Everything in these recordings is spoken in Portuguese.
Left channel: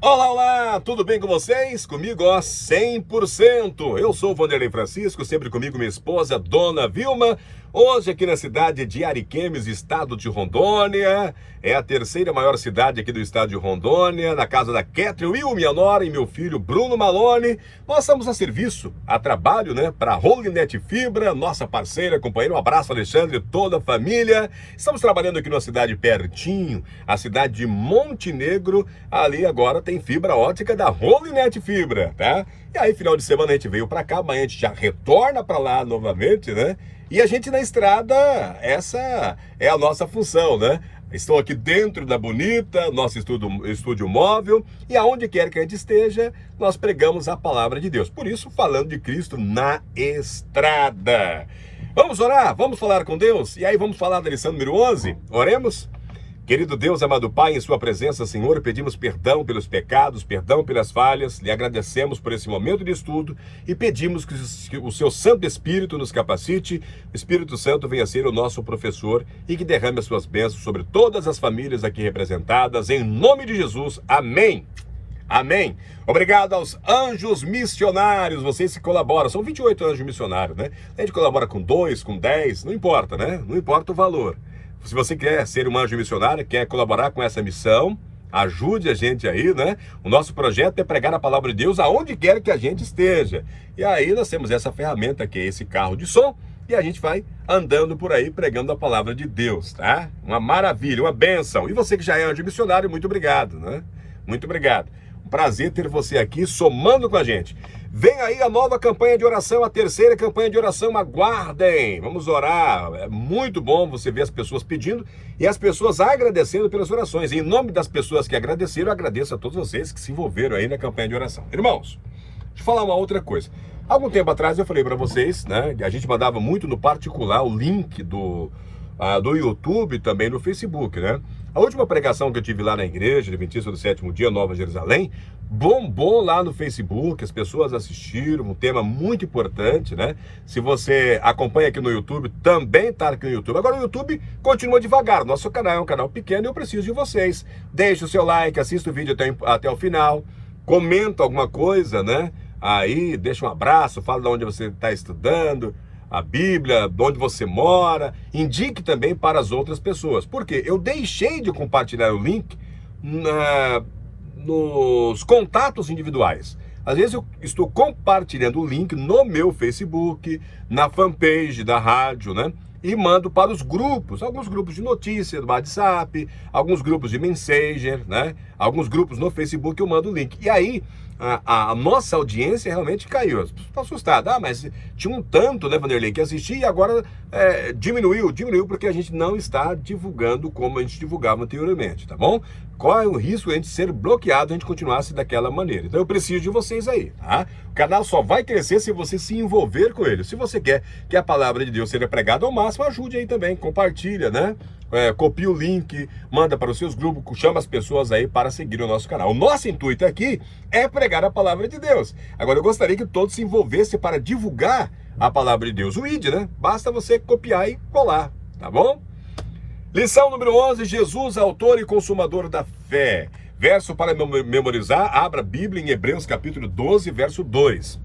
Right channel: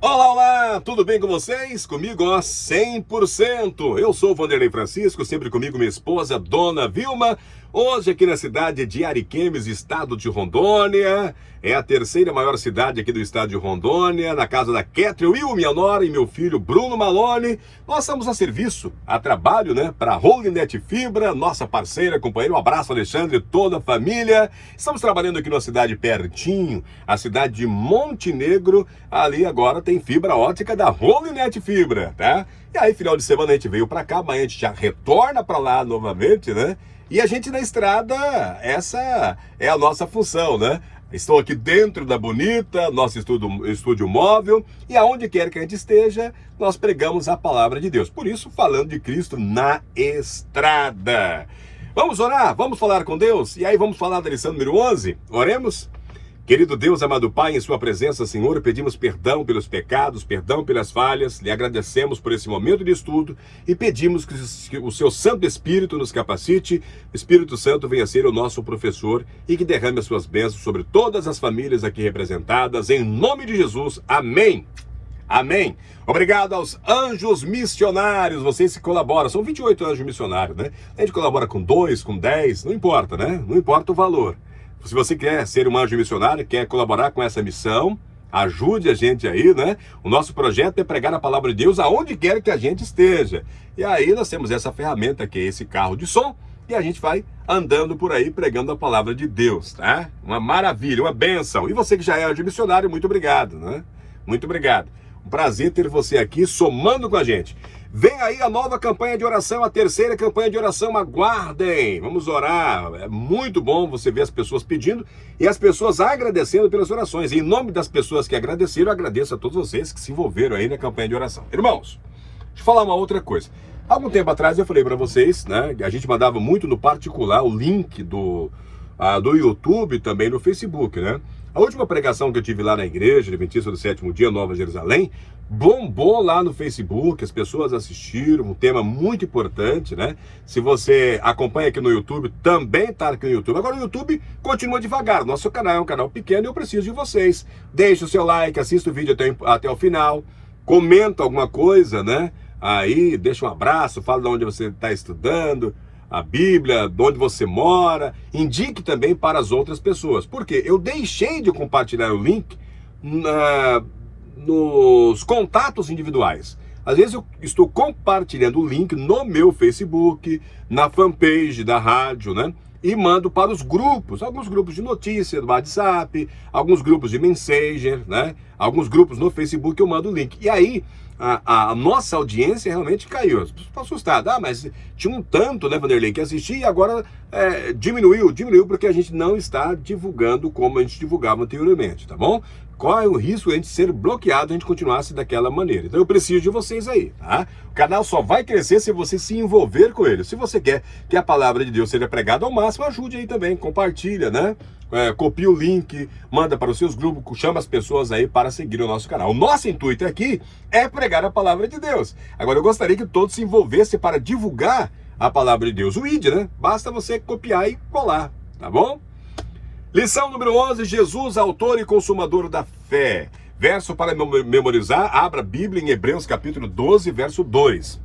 Olá, olá, tudo bem com vocês? Comigo, ó, 100%. Eu sou o Vanderlei Francisco, sempre comigo minha esposa, Dona Vilma. Hoje aqui na cidade de Ariquemes, estado de Rondônia. É a terceira maior cidade aqui do estado de Rondônia, na casa da Catherine Will, minha nora, e meu filho Bruno Malone. Nós estamos a serviço, a trabalho, né, para a Holynet Fibra, nossa parceira, companheira. Um abraço, Alexandre, toda a família. Estamos trabalhando aqui numa cidade pertinho, a cidade de Montenegro. Ali agora tem fibra ótica da Holynet Fibra, tá? E aí, final de semana a gente veio para cá, amanhã a gente já retorna para lá novamente, né? E a gente na estrada, essa é a nossa função, né? Estou aqui dentro da Bonita, nosso estúdio móvel, e aonde quer que a gente esteja, nós pregamos a palavra de Deus. Por isso, falando de Cristo na estrada. Vamos orar? Vamos falar com Deus? E aí vamos falar da lição número 11? Oremos? Querido Deus, amado Pai, em sua presença, Senhor, pedimos perdão pelos pecados, perdão pelas falhas, lhe agradecemos por esse momento de estudo e pedimos que o seu Santo Espírito nos capacite, o Espírito Santo venha ser o nosso professor e que derrame as suas bênçãos sobre todas as famílias aqui representadas, em nome de Jesus, amém. Amém. Obrigado aos anjos missionários, vocês que colaboram, são 28 anjos missionários, né? A gente colabora com 2, com 10, não importa, né? Não importa o valor. Se você quer ser um anjo missionário, quer colaborar com essa missão, ajude a gente aí, né? O nosso projeto é pregar a palavra de Deus aonde quer que a gente esteja. E aí nós temos essa ferramenta que é esse carro de som e a gente vai andando por aí pregando a palavra de Deus, tá? Uma maravilha, uma bênção. E você que já é anjo missionário, muito obrigado, né? Muito obrigado. Um prazer ter você aqui somando com a gente. Vem aí a nova campanha de oração, a terceira campanha de oração, aguardem. Vamos orar. É muito bom você ver as pessoas pedindo e as pessoas agradecendo pelas orações. Em nome das pessoas que agradeceram, eu agradeço a todos vocês que se envolveram aí na campanha de oração. Irmãos, deixa eu falar uma outra coisa. Algum tempo atrás eu falei para vocês, né, que a gente mandava muito no particular o link do YouTube, também no Facebook, né? A última pregação que eu tive lá na igreja, Adventista do Sétimo Dia, Nova Jerusalém, bombou lá no Facebook, as pessoas assistiram, um tema muito importante, né? Se você acompanha aqui no YouTube, também tá aqui no YouTube. Agora o YouTube continua devagar, nosso canal é um canal pequeno e eu preciso de vocês. Deixe o seu like, assista o vídeo até o final, comenta alguma coisa, né? Aí, deixa um abraço, fala de onde você está estudando a Bíblia, de onde você mora, indique também para as outras pessoas. Por quê? Eu deixei de compartilhar o link nos contatos individuais. Às vezes eu estou compartilhando o link no meu Facebook, na fanpage da rádio, né? E mando para os grupos, alguns grupos de notícia do WhatsApp, alguns grupos de Messenger, né? Alguns grupos no Facebook eu mando o link. E aí, a nossa audiência realmente caiu. Estou assustado. Mas tinha um tanto, né, Vanderlei, que assistia e agora diminuiu porque a gente não está divulgando como a gente divulgava anteriormente, tá bom? Corre o risco de a gente ser bloqueado, a gente continuasse daquela maneira. Então eu preciso de vocês aí, tá? O canal só vai crescer se você se envolver com ele. Se você quer que a palavra de Deus seja pregada ao máximo, ajude aí também, compartilha, né? Copia o link, manda para os seus grupos, chama as pessoas aí para seguir o nosso canal. O nosso intuito aqui é pregar a palavra de Deus. Agora eu gostaria que todos se envolvessem para divulgar a palavra de Deus. O ID, né? Basta você copiar e colar, tá bom? Lição número 11, Jesus, autor e consumador da fé. Verso para memorizar, abra a Bíblia em Hebreus capítulo 12, verso 2.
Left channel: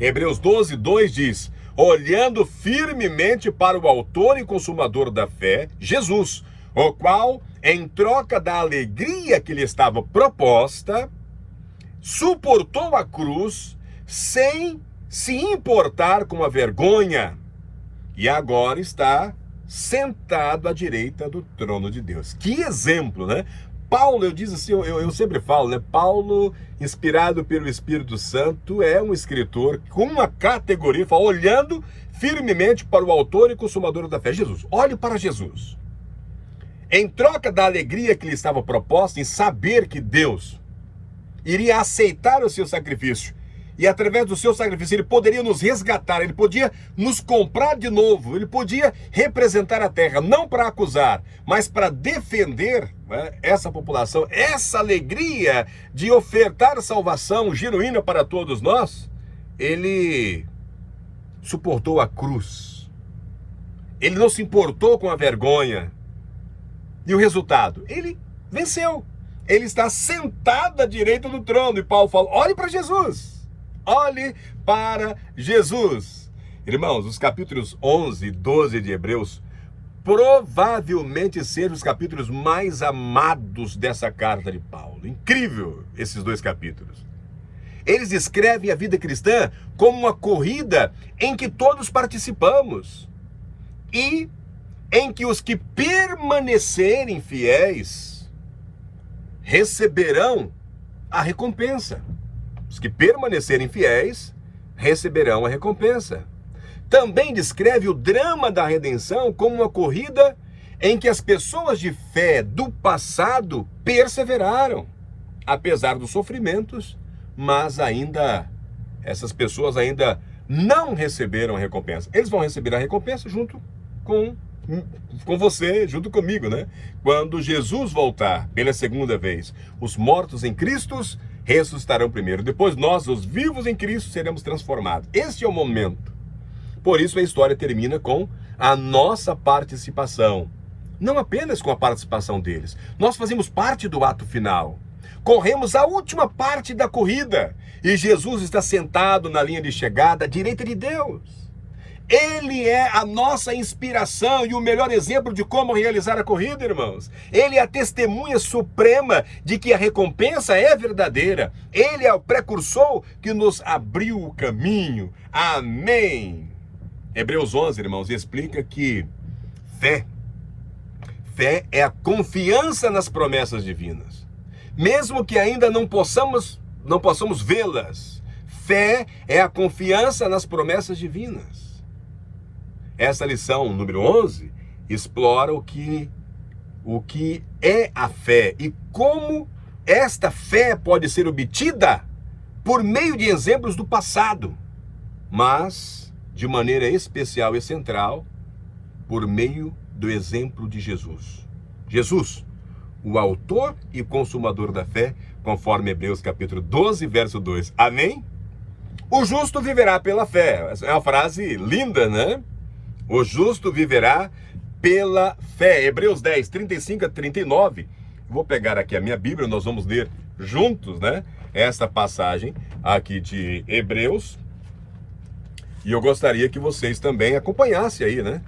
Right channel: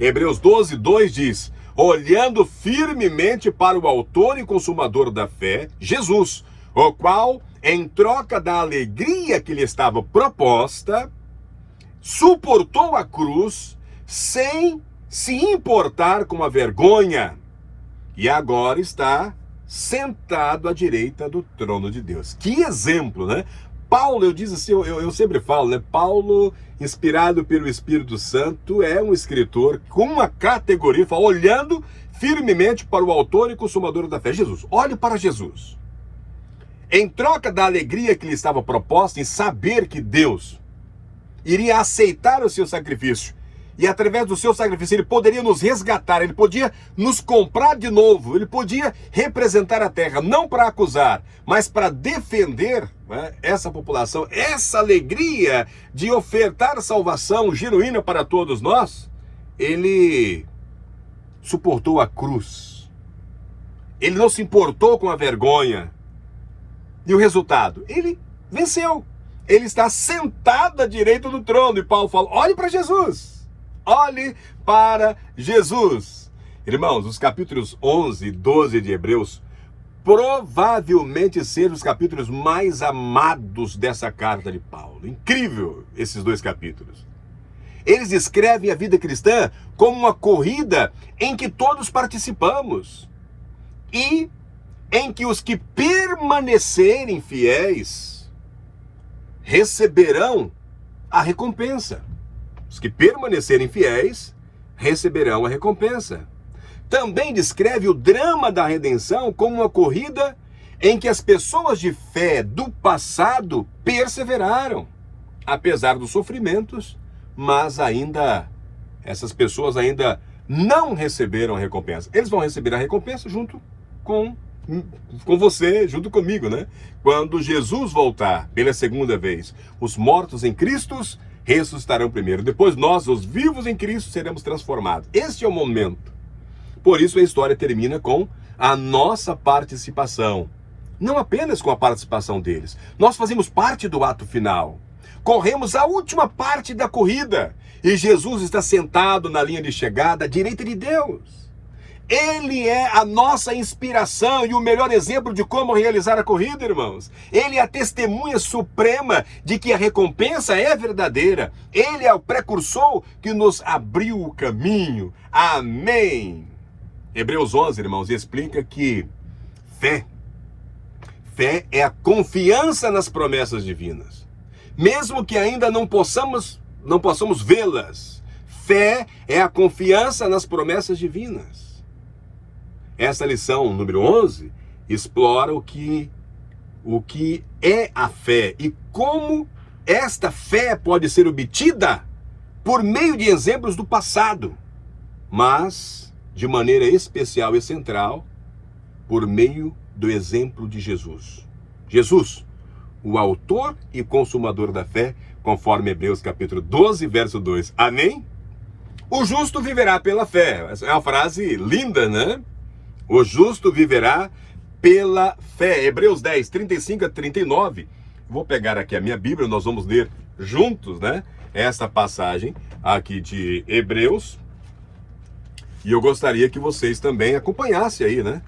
Hebreus 12, 2 diz: olhando firmemente para o autor e consumador da fé, Jesus, o qual, em troca da alegria que lhe estava proposta, suportou a cruz sem se importar com a vergonha, e agora está sentado à direita do trono de Deus. Que exemplo, né? Paulo, eu sempre falo, né? Paulo, inspirado pelo Espírito Santo, é um escritor com uma categoria, olhando firmemente para o autor e consumador da fé, Jesus. Olhe para Jesus. Em troca da alegria que lhe estava proposta em saber que Deus iria aceitar o seu sacrifício, e através do seu sacrifício ele poderia nos resgatar, ele podia nos comprar de novo, ele podia representar a terra, não para acusar, mas para defender, né, essa população, essa alegria de ofertar salvação genuína para todos nós. Ele suportou a cruz. Ele não se importou com a vergonha. E o resultado? Ele venceu. Ele está sentado à direita do trono. E Paulo fala, olhe para Jesus. Olhe para Jesus. Irmãos, os capítulos 11 e 12 de Hebreus provavelmente sejam os capítulos mais amados dessa carta de Paulo. Incrível esses dois capítulos. Eles descrevem a vida cristã como uma corrida em que todos participamos e em que os que permanecerem fiéis receberão a recompensa. Os que permanecerem fiéis receberão a recompensa. Também descreve o drama da redenção como uma corrida em que as pessoas de fé do passado perseveraram, apesar dos sofrimentos, mas essas pessoas ainda não receberam a recompensa. Eles vão receber a recompensa junto com você, junto comigo, né? Quando Jesus voltar pela segunda vez, os mortos em Cristo ressuscitarão primeiro. Depois nós, os vivos em Cristo, seremos transformados. Este é o momento. Por isso a história termina com a nossa participação. Não apenas com a participação deles. Nós fazemos parte do ato final. Corremos a última parte da corrida. E Jesus está sentado na linha de chegada à direita de Deus. Ele é a nossa inspiração e o melhor exemplo de como realizar a corrida, irmãos. Ele é a testemunha suprema de que a recompensa é verdadeira. Ele é o precursor que nos abriu o caminho. Amém. Hebreus 11, irmãos, explica que fé é a confiança nas promessas divinas. Mesmo que ainda não possamos vê-las, fé é a confiança nas promessas divinas. Essa lição número 11 explora o que é a fé e como esta fé pode ser obtida por meio de exemplos do passado, mas de maneira especial e central por meio do exemplo de Jesus. Jesus, o autor e consumador da fé, conforme Hebreus capítulo 12, verso 2. Amém? O justo viverá pela fé. Essa é uma frase linda, né? O justo viverá pela fé. Hebreus 10, 35 a 39. Vou pegar aqui a minha Bíblia, nós vamos ler juntos, né? Essa passagem aqui de Hebreus. E eu gostaria que vocês também acompanhassem aí, né?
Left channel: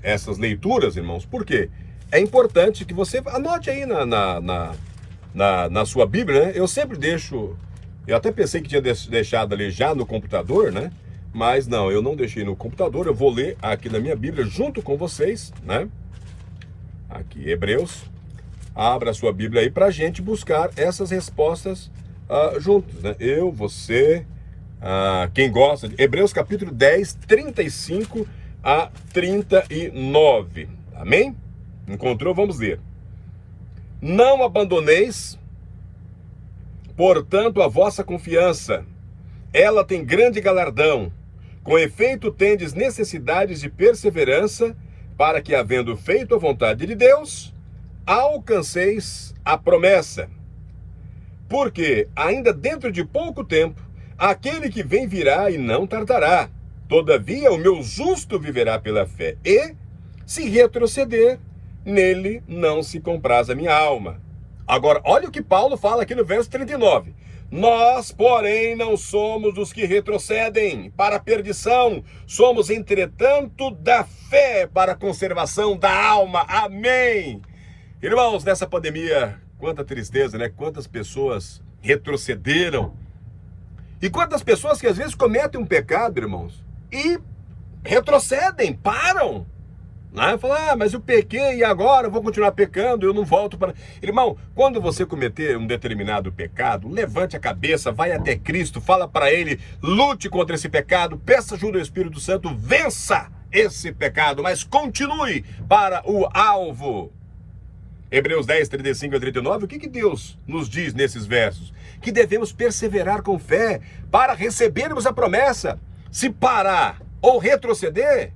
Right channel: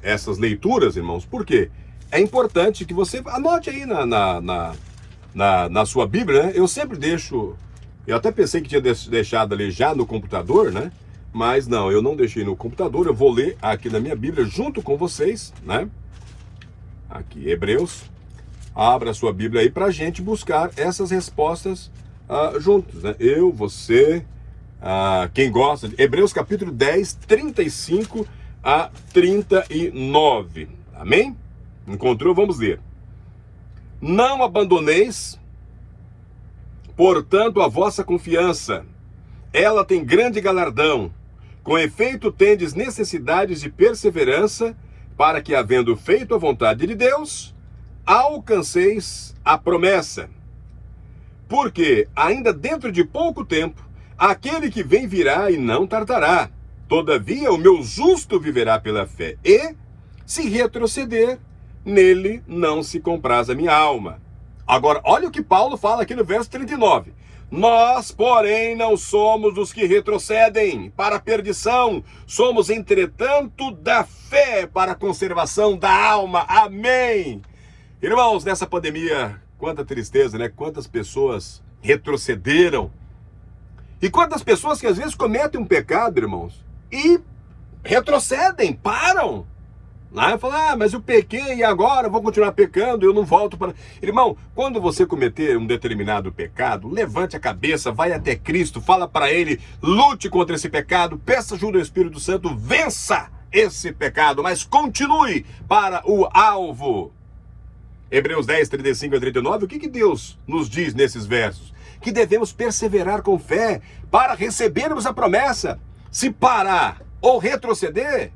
Essas leituras, irmãos. Por quê? É importante que você anote aí na sua Bíblia, né? Eu sempre deixo... Eu até pensei que tinha deixado ali já no computador, né? Mas não, eu não deixei no computador. Eu vou ler aqui na minha Bíblia junto com vocês, né? Aqui, Hebreus. Abra a sua Bíblia aí pra gente buscar essas respostas juntos, né? Eu, você... quem gosta de Hebreus capítulo 10, 35 a 39. Amém? Encontrou? Vamos ler. Não abandoneis, portanto, a vossa confiança. Ela tem grande galardão. Com efeito, tendes necessidades de perseverança, para que, havendo feito a vontade de Deus, alcanceis a promessa. Porque, ainda dentro de pouco tempo, aquele que vem virá e não tardará. Todavia, o meu justo viverá pela fé. E, se retroceder, nele não se compraz a minha alma. Agora, olha o que Paulo fala aqui no verso 39. Nós, porém, não somos os que retrocedem para a perdição. Somos, entretanto, da fé para a conservação da alma. Amém. Irmãos, nessa pandemia, quanta tristeza, né? Quantas pessoas retrocederam. E quantas pessoas que às vezes cometem um pecado, irmãos, e retrocedem, param. Lá fala, mas eu pequei e agora vou continuar pecando, eu não volto para... Irmão, quando você cometer um determinado pecado, levante a cabeça, vai até Cristo, fala para Ele, lute contra esse pecado, peça ajuda ao Espírito Santo, vença esse pecado, mas continue para o alvo. Hebreus 10, 35 a 39, o que Deus nos diz nesses versos? Que devemos perseverar com fé para recebermos a promessa. Se parar ou retroceder,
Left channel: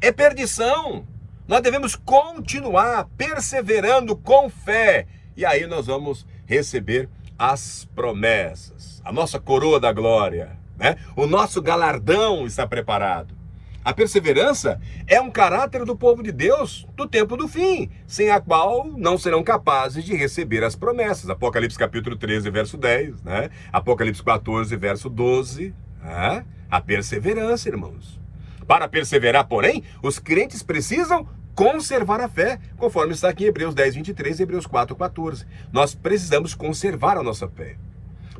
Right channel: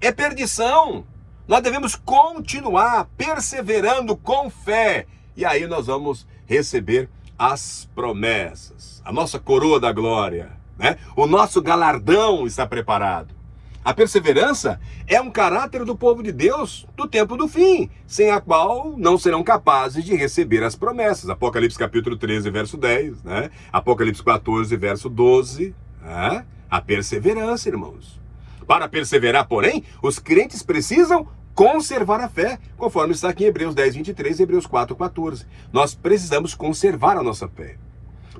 é perdição. Nós devemos continuar perseverando com fé. E aí nós vamos receber as promessas. A nossa coroa da glória. né? O nosso galardão está preparado. A perseverança é um caráter do povo de Deus do tempo do fim, sem a qual não serão capazes de receber as promessas. Apocalipse capítulo 13, verso 10, né? Apocalipse 14, verso 12, né? A perseverança, irmãos. Para perseverar, porém, os crentes precisam conservar a fé, conforme está aqui em Hebreus 10, 23 e Hebreus 4, 14. Nós precisamos conservar a nossa fé.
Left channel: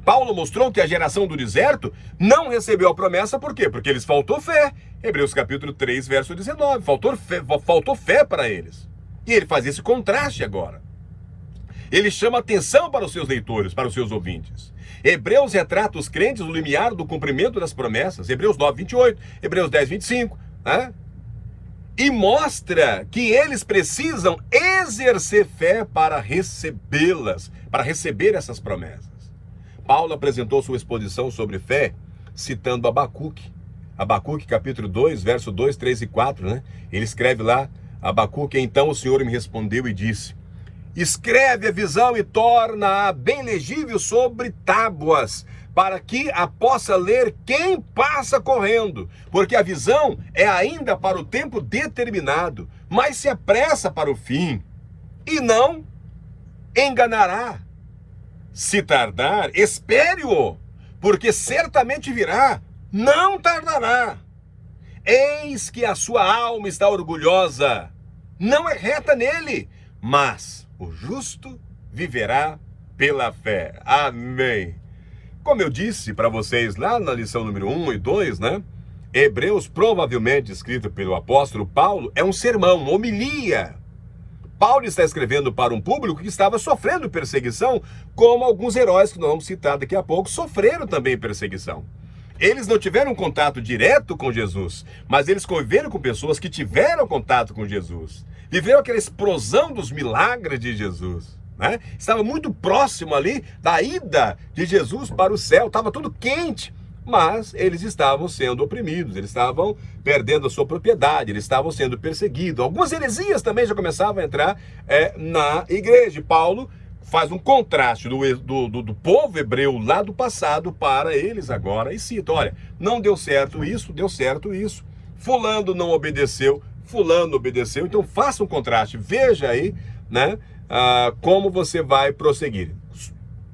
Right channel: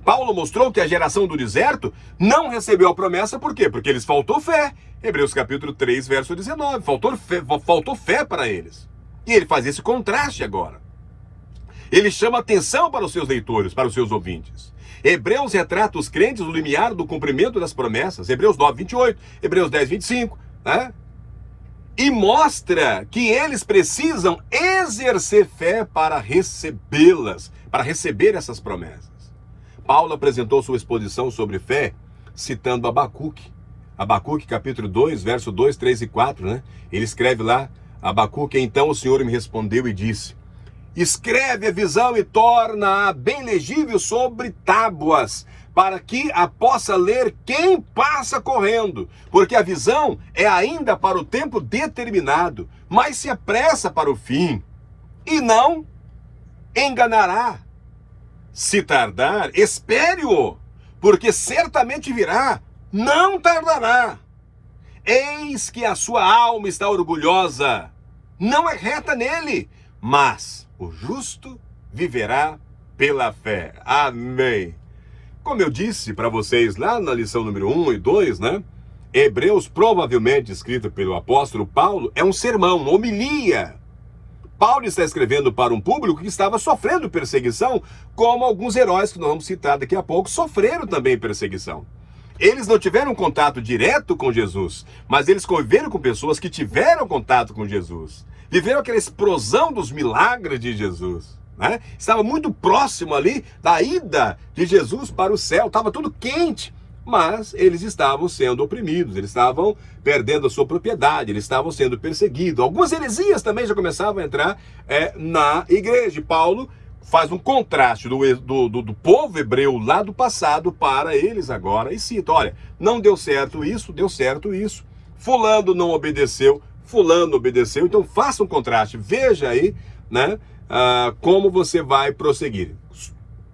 Paulo mostrou que a geração do deserto não recebeu a promessa, por quê? Porque eles faltou fé. Hebreus capítulo 3, verso 19. Faltou fé para eles. E ele faz esse contraste agora. Ele chama atenção para os seus leitores, para os seus ouvintes. Hebreus retrata os crentes no limiar do cumprimento das promessas. Hebreus 9, 28, Hebreus 10, 25, né? E mostra que eles precisam exercer fé para recebê-las, para receber essas promessas. Paulo apresentou sua exposição sobre fé citando Abacuque. Abacuque capítulo 2, verso 2, 3 e 4, né? Ele escreve lá, Abacuque, então o Senhor me respondeu e disse: escreve a visão e torna-a bem legível sobre tábuas, para que a possa ler quem passa correndo, porque a visão é ainda para o tempo determinado, mas se apressa para o fim, e não enganará. Se tardar, espere-o, porque certamente virá, não tardará. Eis que a sua alma está orgulhosa, não é reta nele, mas o justo viverá pela fé. Amém. Como eu disse para vocês lá na lição número 1 e 2, né? Hebreus, provavelmente escrito pelo apóstolo Paulo, é um sermão, uma homilia. Paulo está escrevendo para um público que estava sofrendo perseguição, como alguns heróis que nós vamos citar daqui a pouco sofreram também perseguição. Eles não tiveram contato direto com Jesus, mas eles conviveram com pessoas que tiveram contato com Jesus. Viveram aquela explosão dos milagres de Jesus, né? Estava muito próximo ali da ida de Jesus para o céu, estava tudo quente. Mas eles estavam sendo oprimidos, eles estavam perdendo a sua propriedade, eles estavam sendo perseguidos. Algumas heresias também já começavam a entrar na igreja. Paulo faz um contraste do povo hebreu lá do passado para eles agora e cita, olha, não deu certo isso, deu certo isso. Fulano não obedeceu, fulano obedeceu. Então faça um contraste, veja aí, né, como você vai prosseguir.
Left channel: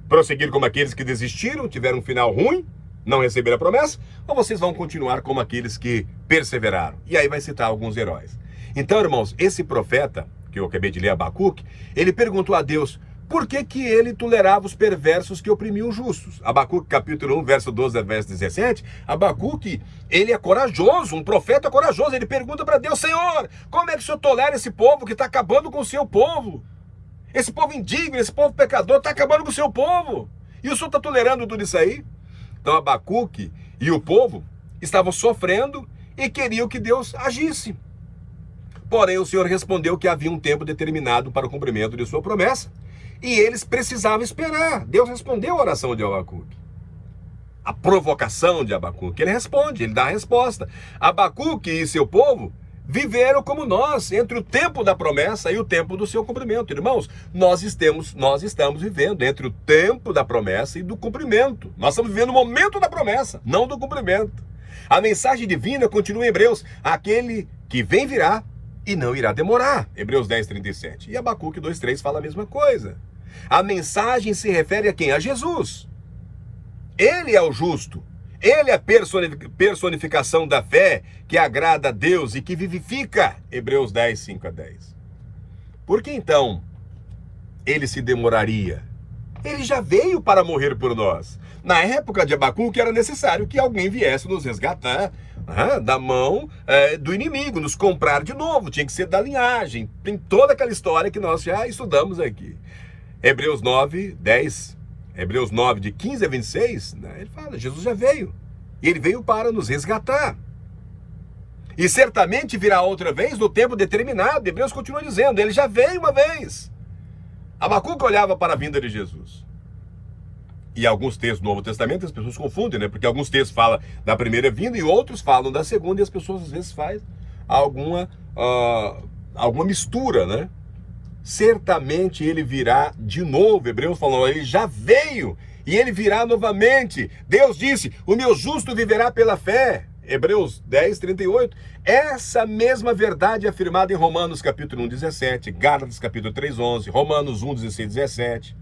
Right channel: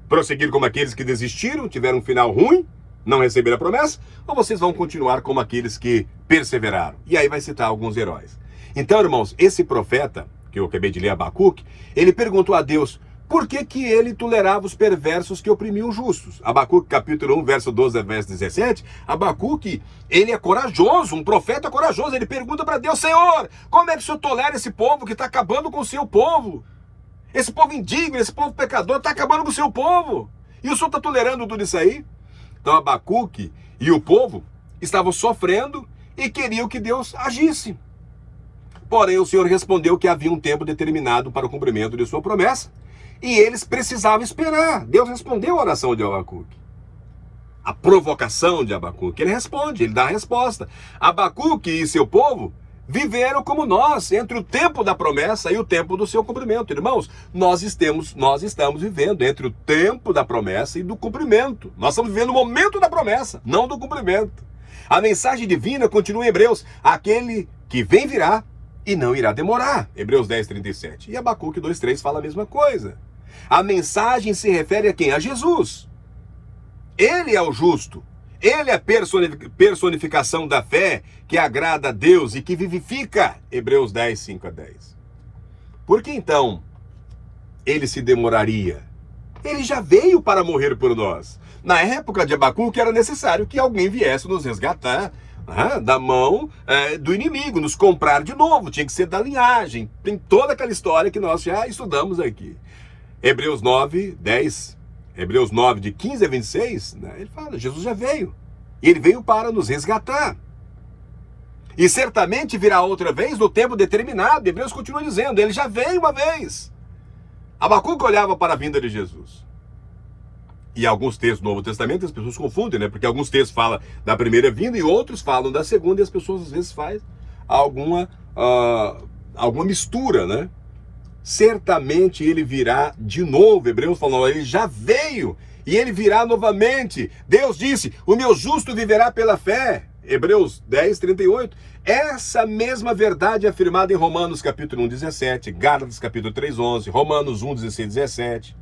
Prosseguir como aqueles que desistiram, tiveram um final ruim, não receberam a promessa, ou vocês vão continuar como aqueles que perseveraram? E aí vai citar alguns heróis. Então, irmãos, esse profeta, que eu acabei de ler, Abacuque, ele perguntou a Deus, por que que ele tolerava os perversos que oprimiam os justos? Abacuque capítulo 1, verso 12 a verso 17, Abacuque, ele é corajoso, um profeta corajoso, ele pergunta para Deus, Senhor, como é que o Senhor tolera esse povo que está acabando com o seu povo? Esse povo indigno, esse povo pecador está acabando com o seu povo. E o Senhor está tolerando tudo isso aí? Então Abacuque e o povo estavam sofrendo e queriam que Deus agisse. Porém, o Senhor respondeu que havia um tempo determinado para o cumprimento de sua promessa e eles precisavam esperar. Deus respondeu a oração de Abacuque. A provocação de Abacuque, ele responde, ele dá a resposta. Abacuque e seu povo viveram como nós, entre o tempo da promessa e o tempo do seu cumprimento. Irmãos, nós estamos vivendo entre o tempo da promessa e do cumprimento. Nós estamos vivendo o momento da promessa, não do cumprimento. A mensagem divina continua em Hebreus, aquele que vem virá e não irá demorar. Hebreus 10, 37. E Abacuque 2, 3 fala a mesma coisa. A mensagem se refere a quem? A Jesus. Ele é o justo. Ele é a personificação da fé que agrada a Deus e que vivifica. Hebreus 10, 5 a 10. Por que então ele se demoraria? Ele já veio para morrer por nós. Na época de Abacuque era necessário que alguém viesse nos resgatar da mão do inimigo, nos comprar de novo. Tinha que ser da linhagem. Tem toda aquela história que nós já estudamos aqui. Hebreus 9, 10. Hebreus 9, de 15 a 26, né, ele fala, Jesus já veio. E ele veio para nos resgatar. E certamente virá outra vez no tempo determinado. Hebreus continua dizendo, ele já veio uma vez. Abacuque olhava para a vinda de Jesus. E alguns textos do Novo Testamento as pessoas confundem, né? Porque alguns textos falam da primeira vinda e outros falam da segunda. E as pessoas às vezes fazem alguma mistura, né? Certamente ele virá de novo. Hebreus falou, ele já veio e ele virá novamente. Deus disse, o meu justo viverá pela fé. Hebreus 10, 38. Essa mesma verdade é afirmada em Romanos capítulo 1, 17, Gálatas capítulo 3, 11, Romanos 1, 16, 17.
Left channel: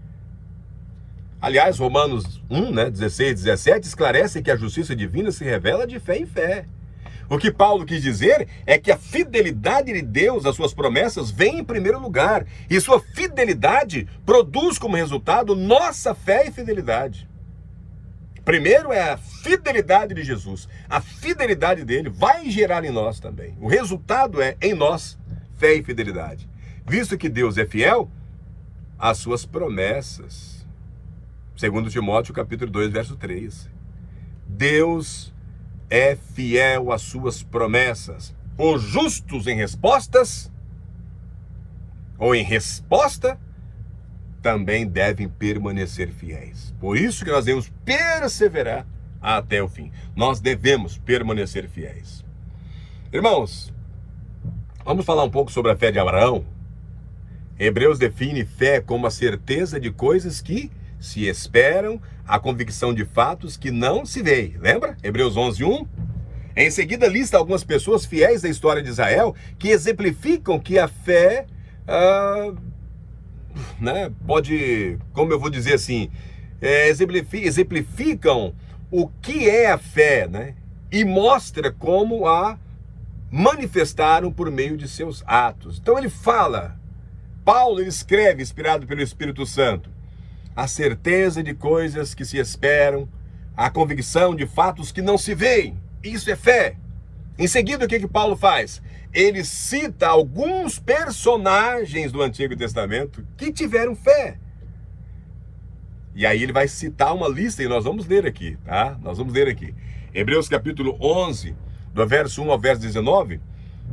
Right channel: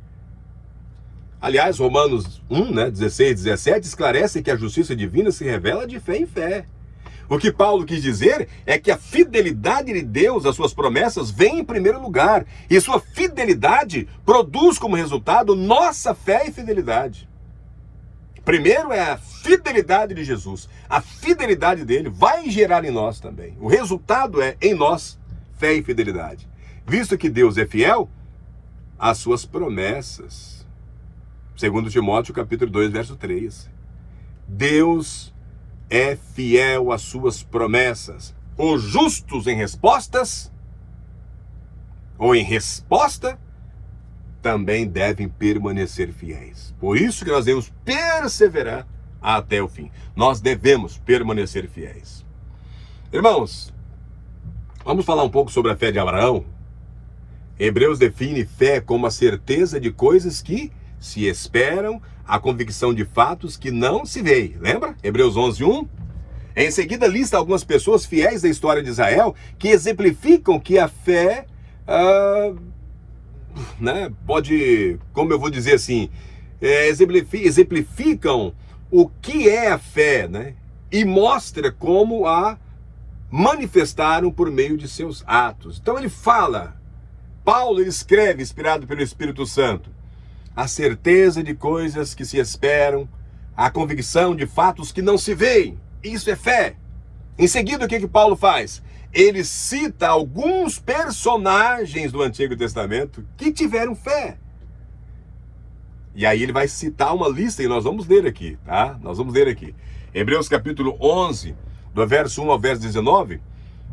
Aliás, Romanos 1, 16, 17, esclarece que a justiça divina se revela de fé em fé. O que Paulo quis dizer é que a fidelidade de Deus às suas promessas vem em primeiro lugar. E sua fidelidade produz como resultado nossa fé e fidelidade. Primeiro é a fidelidade de Jesus. A fidelidade dele vai gerar em nós também. O resultado é, em nós, fé e fidelidade. Visto que Deus é fiel às suas promessas. Segundo Timóteo, capítulo 2, verso 3. Deus é fiel às suas promessas. Os justos em respostas, ou em resposta, também devem permanecer fiéis. Por isso que nós devemos perseverar até o fim. Nós devemos permanecer fiéis. Irmãos, vamos falar um pouco sobre a fé de Abraão? Hebreus define fé como a certeza de coisas que se esperam, a convicção de fatos que não se veem. Lembra? Hebreus 11, 1. Em seguida, lista algumas pessoas fiéis da história de Israel que exemplificam que a fé pode, como eu vou dizer assim, exemplificam o que é a fé, né? E mostra como a manifestaram por meio de seus atos. Então ele fala, Paulo ele escreve, inspirado pelo Espírito Santo, a certeza de coisas que se esperam, a convicção de fatos que não se veem. Isso é fé. Em seguida, o que Paulo faz? Ele cita alguns personagens do Antigo Testamento que tiveram fé. E aí ele vai citar uma lista e nós vamos ler aqui, tá? Nós vamos ler aqui. Hebreus capítulo 11, do verso 1 ao verso 19.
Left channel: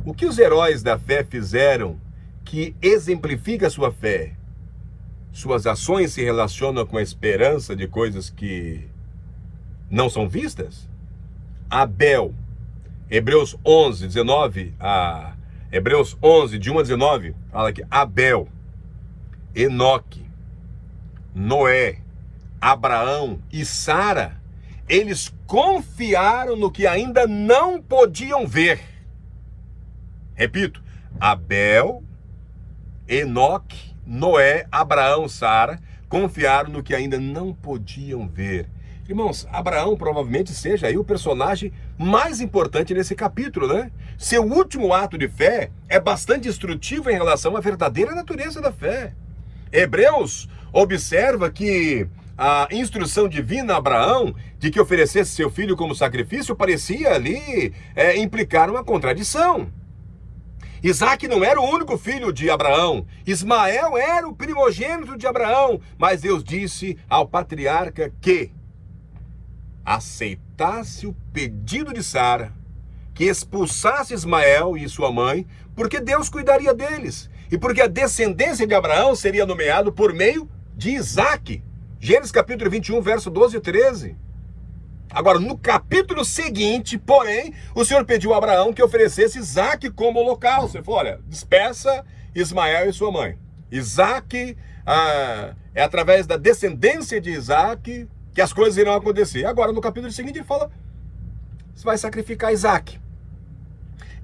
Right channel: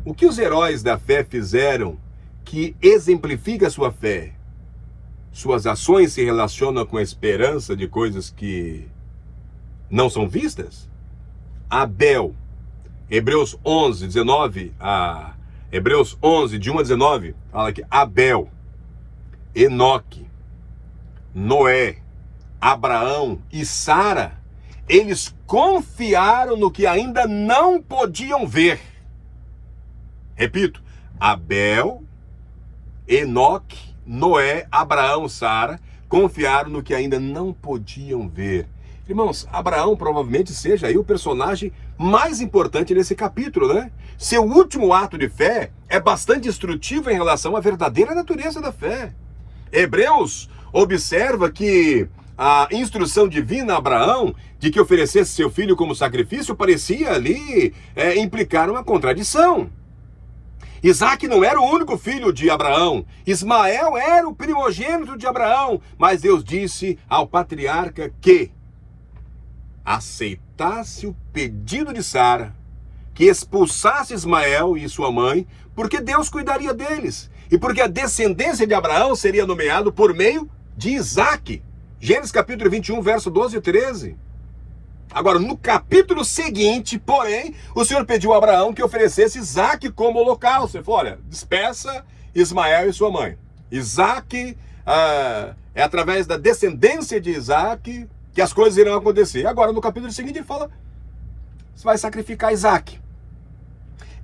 O que os heróis da fé fizeram que exemplifica a sua fé? Suas ações se relacionam com a esperança de coisas que não são vistas? Abel, Hebreus 11, 19, Hebreus 11, de 1 a 19, fala que Abel, Enoque, Noé, Abraão e Sara, eles confiaram no que ainda não podiam ver. Repito, Abel, Enoque, Noé, Abraão, Sara, confiaram no que ainda não podiam ver. Irmãos, Abraão provavelmente seja aí o personagem mais importante nesse capítulo, né? Seu último ato de fé é bastante instrutivo em relação à verdadeira natureza da fé. Hebreus observa que a instrução divina a Abraão de que oferecesse seu filho como sacrifício parecia ali implicar uma contradição. Isaac não era o único filho de Abraão. Ismael era o primogênito de Abraão. Mas Deus disse ao patriarca que aceitasse o pedido de Sara, que expulsasse Ismael e sua mãe, porque Deus cuidaria deles. E porque a descendência de Abraão seria nomeada por meio de Isaac. Gênesis capítulo 21, verso 12 e 13. Agora, no capítulo seguinte, porém, o Senhor pediu a Abraão que oferecesse Isaac como holocausto. Ele falou, olha, despeça Ismael e sua mãe. Isaac, é através da descendência de Isaac que as coisas irão acontecer. Agora, no capítulo seguinte, ele fala, você vai sacrificar Isaac.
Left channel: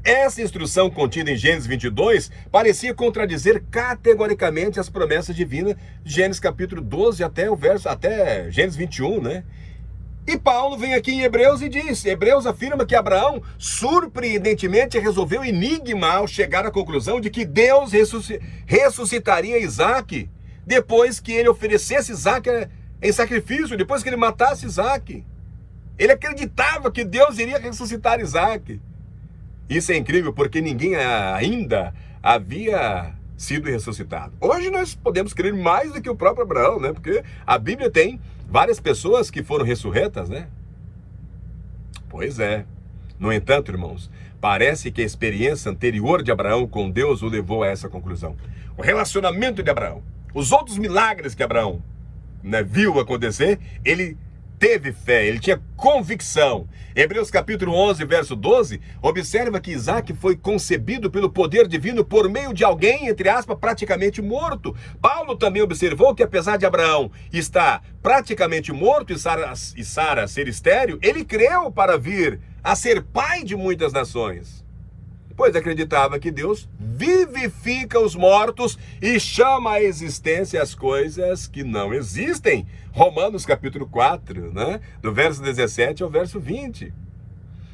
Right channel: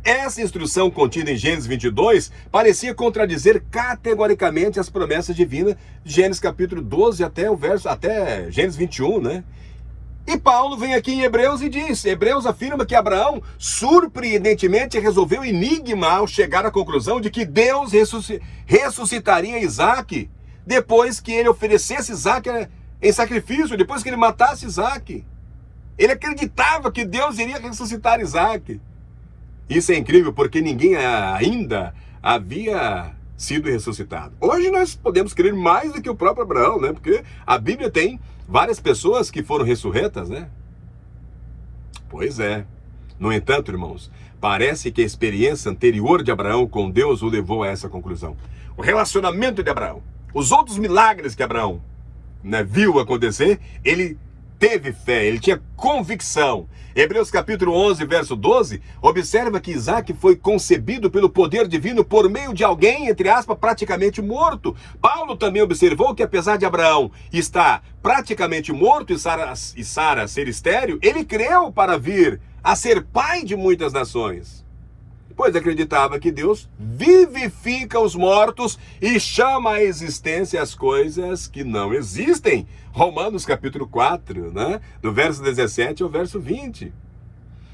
Essa instrução contida em Gênesis 22 parecia contradizer categoricamente as promessas divinas de Gênesis capítulo 12 até Gênesis 21, né? E Paulo vem aqui em Hebreus e diz, Hebreus afirma que Abraão surpreendentemente resolveu o enigma ao chegar à conclusão de que Deus ressuscitaria Isaac depois que ele oferecesse Isaac em sacrifício, depois que ele matasse Isaac. Ele acreditava que Deus iria ressuscitar Isaac. Isso é incrível porque ninguém ainda havia sido ressuscitado. Hoje nós podemos crer mais do que o próprio Abraão, né? Porque a Bíblia tem várias pessoas que foram ressurretas, né? Pois é. No entanto, irmãos, parece que a experiência anterior de Abraão com Deus o levou a essa conclusão. O relacionamento de Abraão, os outros milagres que Abraão viu acontecer, ele teve fé, ele tinha convicção. Hebreus capítulo 11, verso 12, observa que Isaac foi concebido pelo poder divino por meio de alguém, entre aspas, praticamente morto. Paulo também observou que apesar de Abraão estar praticamente morto e Sara ser estéril, ele creu para vir a ser pai de muitas nações, pois acreditava que Deus vivifica os mortos e chama à existência as coisas que não existem. Romanos capítulo 4, né? Do verso 17 ao verso 20.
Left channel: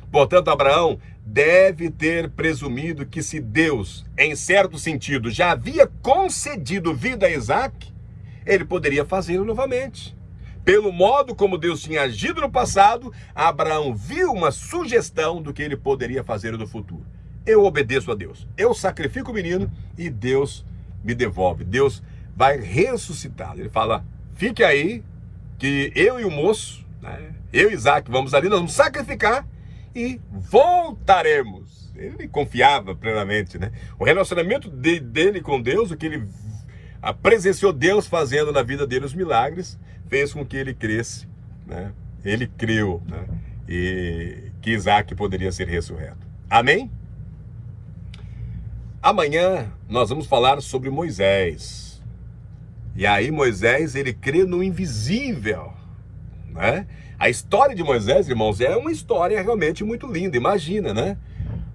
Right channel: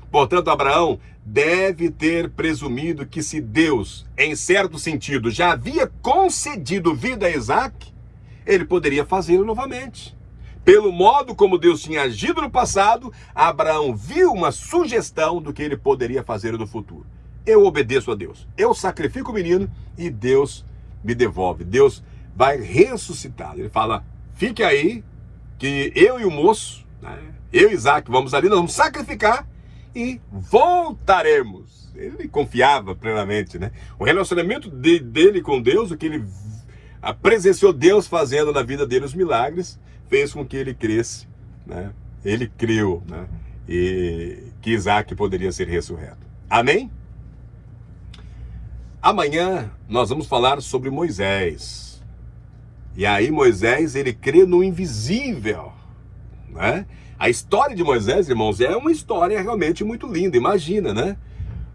Portanto, Abraão deve ter presumido que se Deus, em certo sentido, já havia concedido vida a Isaac, ele poderia fazê-lo novamente. Pelo modo como Deus tinha agido no passado, Abraão viu uma sugestão do que ele poderia fazer no futuro. Eu obedeço a Deus, eu sacrifico o menino e Deus me devolve, Deus vai ressuscitá-lo. Ele fala, fique aí, que eu e o moço, né, eu e Isaac, vamos ali, nós vamos sacrificar e voltaremos. Ele confiava plenamente, né? O relacionamento dele com Deus, o que ele presenciou Deus fazendo na vida dele, os milagres, fez com que ele cresce, né? Ele creu, né? E que Isaac poderia ser ressurreto. Amém? Amanhã nós vamos falar sobre Moisés. E aí Moisés, ele crê no invisível, né? A história de Moisés, irmãos, é uma história realmente muito linda. Imagina, né?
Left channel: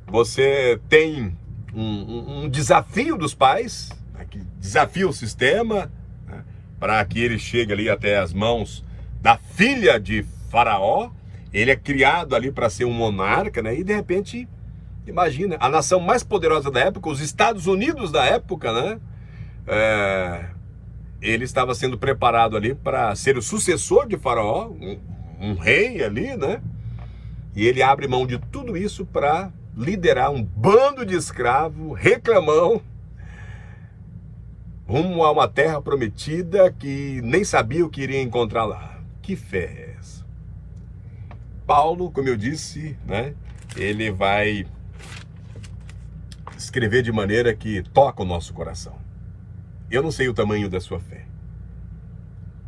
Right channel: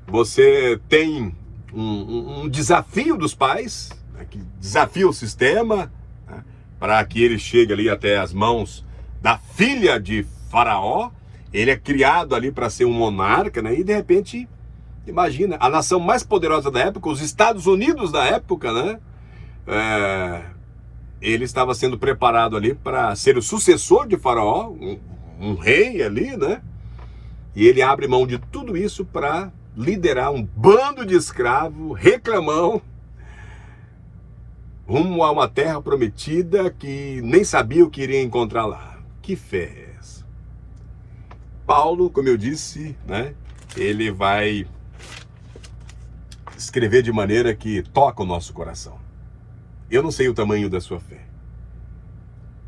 Você tem um desafio dos pais, né, que desafia o sistema, né, para que ele chegue ali até as mãos da filha de Faraó. Ele é criado ali para ser um monarca, né? E de repente, imagina, a nação mais poderosa da época, os Estados Unidos da época, né? Ele estava sendo preparado ali para ser o sucessor de Faraó, um rei ali, né? E ele abre mão de tudo isso para liderar um bando de escravos, reclamão, rumo a uma terra prometida que nem sabia o que iria encontrar lá. Que fé é essa? Paulo, como eu disse, né? Ele vai escrever de maneira que toca o nosso coração. Eu não sei o tamanho da sua fé.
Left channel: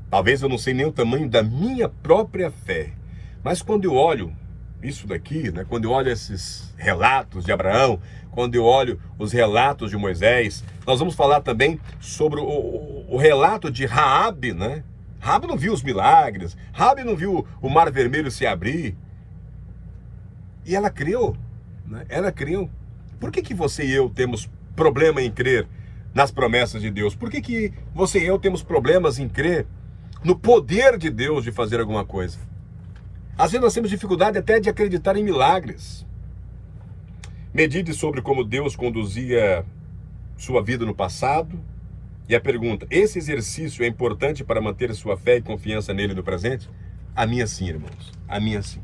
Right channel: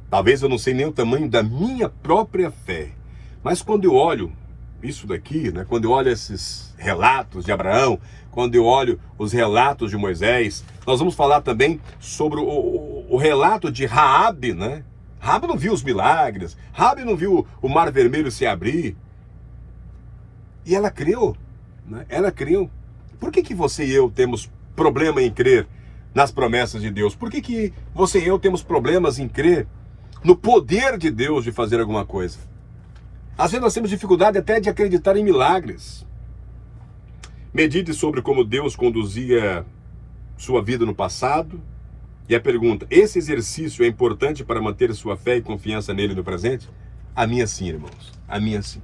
Talvez eu não sei nem o tamanho da minha própria fé. Mas quando eu olho isso daqui, né? Quando eu olho esses relatos de Abraão, quando eu olho os relatos de Moisés, nós vamos falar também sobre o relato de Raabe, né? Raabe não viu os milagres, Raabe não viu o mar vermelho se abrir. E ela creu, né? Ela creu. Por que você e eu temos problema em crer nas promessas de Deus? Por que você e eu temos problemas em crer no poder de Deus de fazer alguma coisa? Às vezes nós temos dificuldade até de acreditar em milagres. Medite sobre como Deus conduzia sua vida no passado. E a pergunta, esse exercício é importante para manter sua fé e confiança nele no presente? A minha sim, irmãos. A minha sim.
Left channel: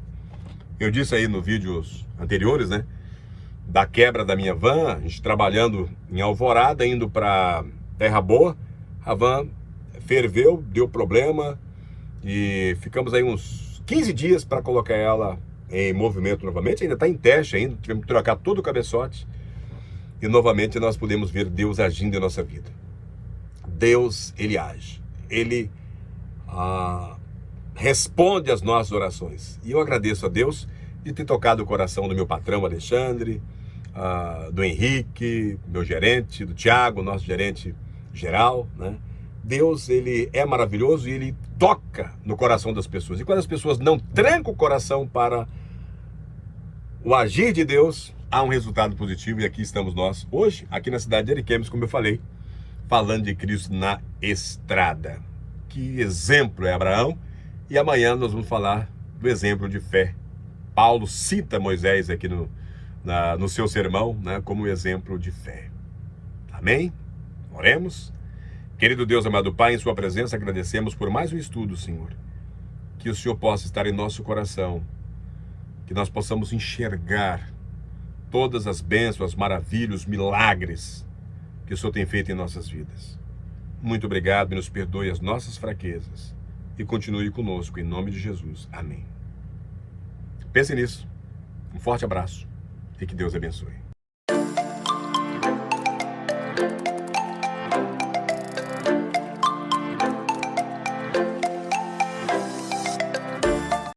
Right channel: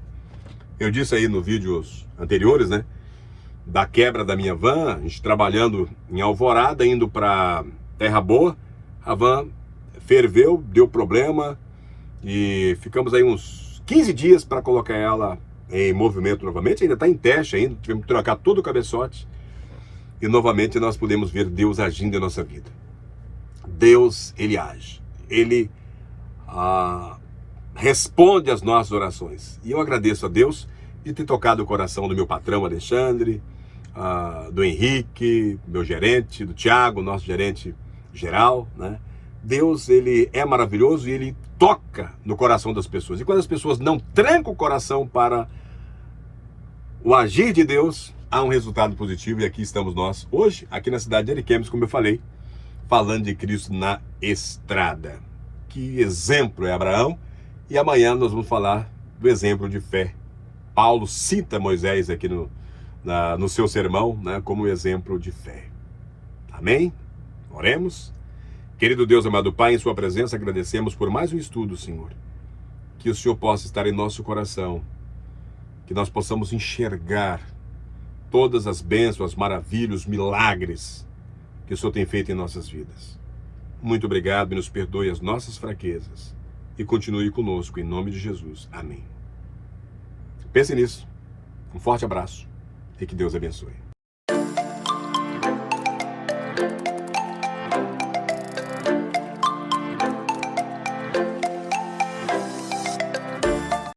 Eu disse aí nos vídeos anteriores, né? Da quebra da minha van, a gente trabalhando em Alvorada, indo para Terra Boa. A van ferveu, deu problema e ficamos aí uns 15 dias para colocar ela em movimento novamente. Ainda está em teste ainda, tivemos que trocar todo o cabeçote e novamente nós podemos ver Deus agindo em nossa vida. Deus, ele age, ele responde às nossas orações. E eu agradeço a Deus de ter tocado o coração do meu patrão Alexandre, do Henrique, meu gerente, do Tiago, nosso gerente geral, né? Deus, ele é maravilhoso e ele toca no coração das pessoas. E quando as pessoas não trancam o coração para o agir de Deus, há um resultado positivo. E aqui estamos nós, hoje, aqui na cidade de Ariquemes, como eu falei, falando de Cristo na estrada. Que exemplo é Abraão. E amanhã nós vamos falar do exemplo de fé. Paulo cita Moisés aqui no seu sermão, né, como exemplo de fé. Amém? Oremos. Querido Deus, amado Pai, em sua presença agradecemos por mais um estudo, Senhor. Que o Senhor possa estar em nosso coração, que nós possamos enxergar todas as bênçãos, as maravilhas, os milagres que o Senhor tem feito em nossas vidas. Muito obrigado e nos perdoe as nossas fraquezas e continue conosco, em nome de Jesus. Amém. Pense nisso. Um forte abraço e que Deus abençoe.